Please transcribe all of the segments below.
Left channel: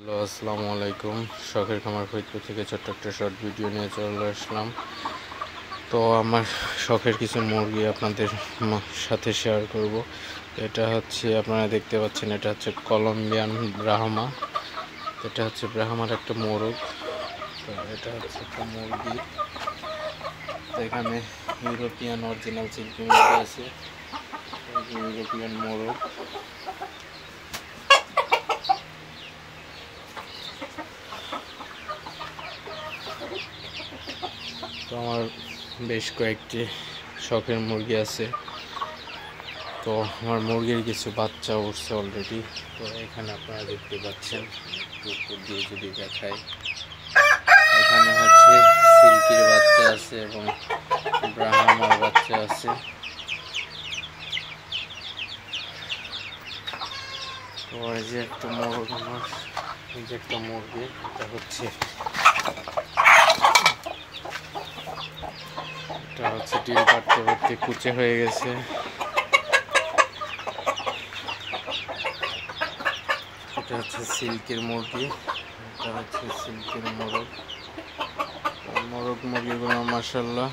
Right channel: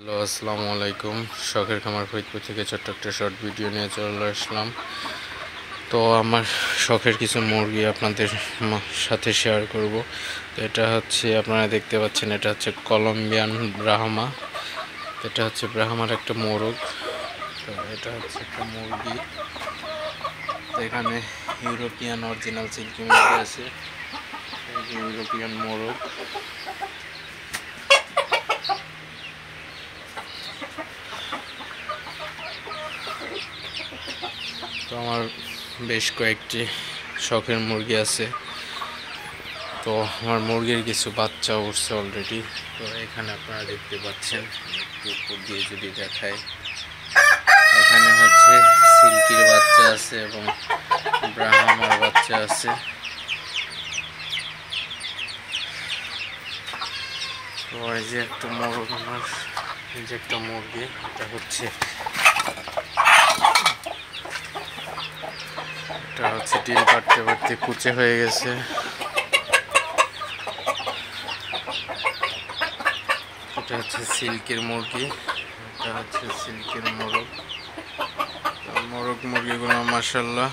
Hello, আসসালামু আলাইকুম। শখের খামার ফরিদপুর থেকে ছোট্ট একটা শর্ট ভিডিও নিয়ে চলে আসলাম। তো আমার শখের কিছু মুরগি আপনাদের সাথে শেয়ার করব। তো এটা হচ্ছে আপনারা দেখতে পাচ্ছেন, এটা হচ্ছে কলম্বিয়ান ব্রাহ্মা। এটা হচ্ছে ব্রাহ্মার একটা মোরগ। তো এটা হচ্ছে একটা মুরগি। তো এখানে ইউরোপিয়ান অরিজিনাল সিল্কি মুরগি আছে, ইউরোপিয়ান মোরগ। তো আমার বেশ কয়েকটি শখের মুরগি আছে। তো আমার মুরগির কিছু বাচ্চা উঠছে অলরেডি। তো এখানে আপনারা দেখতে পাচ্ছেন, একটু উপর দিয়ে যদি দেখায়, এখানে হচ্ছে সিল্কির বাচ্চা আছে এবং ব্রাহ্মার বাচ্চা আছে। তো এই যে একটা মোরগ, আমার এই যে একটা মুরগি, এটা হচ্ছে ডিম পাড়তে পাড়তে কুচে হয়ে গেছে। এটা হচ্ছে সিল্কের মুরগি, এটা হচ্ছে সিল্কের মোরগ। মোরগ মুরগিগুলো মাশাআল্লাহ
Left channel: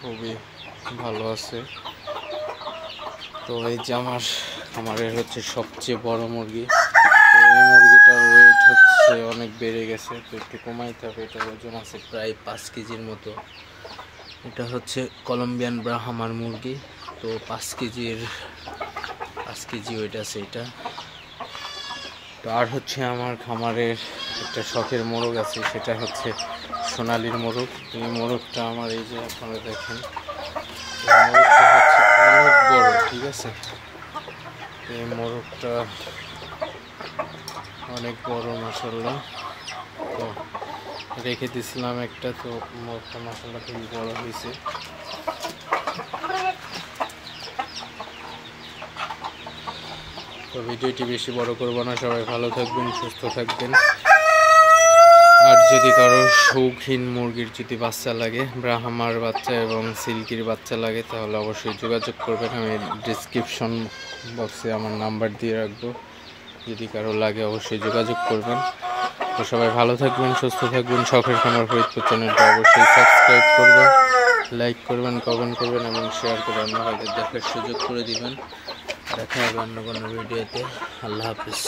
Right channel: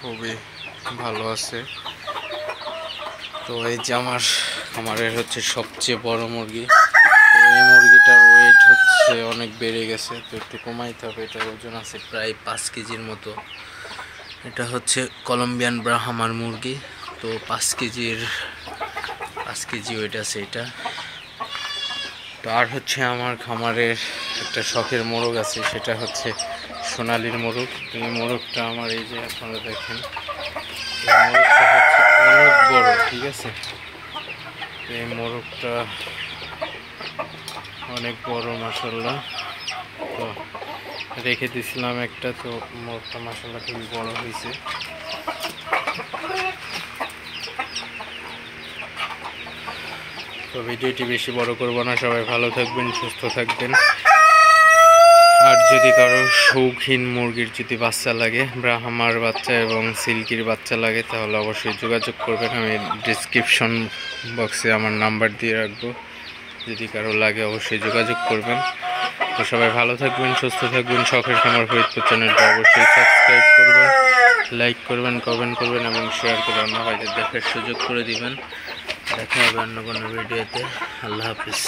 খুবই ভালো আছে। তো এই যে আমারের হচ্ছে সবচেয়ে বড় মুরগি। তো এই মুরগিটার ওয়েট হচ্ছে অনেক বেড়ে গেছে, তো একটু কমাইতে হবে। এটার ওজন আছে প্রায় 5 কেজির মতো। এটা হচ্ছে কলম্বিয়ান ব্রাহ্মার মুরগি। তো 5 কেজি ওয়েট আছে এটা। তো আর হচ্ছে আমার খামারের একটা শখের মোরগ আছে, সেটা হচ্ছে সোনালির মোরগ। এই মোরগটা আমার, এই যে আপনারা দেখেন, এই মোরগটা হচ্ছে অনেক বড়, ঠিক আছে। এই মোরগটা অনেক বড় মাশাআল্লাহ। তো রেখে দিয়েছিলাম একটা, তো মোরগটা মাশাআল্লাহ খুবই বড় হয়েছে। তো ভিডিওটি বেশি বড় করবো না, সবাই ভালো থাকবেন, সুস্থ থাকবেন। আর যদি কারো শৌখিন মুরগির যদি বাচ্চা লাগে, ব্রাহ্মার বাচ্চা এবং সিল্কির বাচ্চা লাগে, তাহলে অবশ্যই যোগাযোগ করবেন। আমি ডিসক্রিপশন বক্সে আমার নাম্বার দিয়ে রাখবো, যদি কারো লাগে অবশ্যই যোগাযোগ করবেন। তো সবাই ভালো থাকবেন, সুস্থ থাকবেন। শখের খামার ফরিদপুর চ্যানেলটা অবশ্যই সাবস্ক্রাইব করবেন, লাইক করবেন, কমেন্ট করবেন এবং শেয়ার করে অন্য ভাইদের দেখার সুযোগ করে দিবেন। দেখা হবে অন্য কোনো ভিডিওতে। আল্লাহ হাফিজ।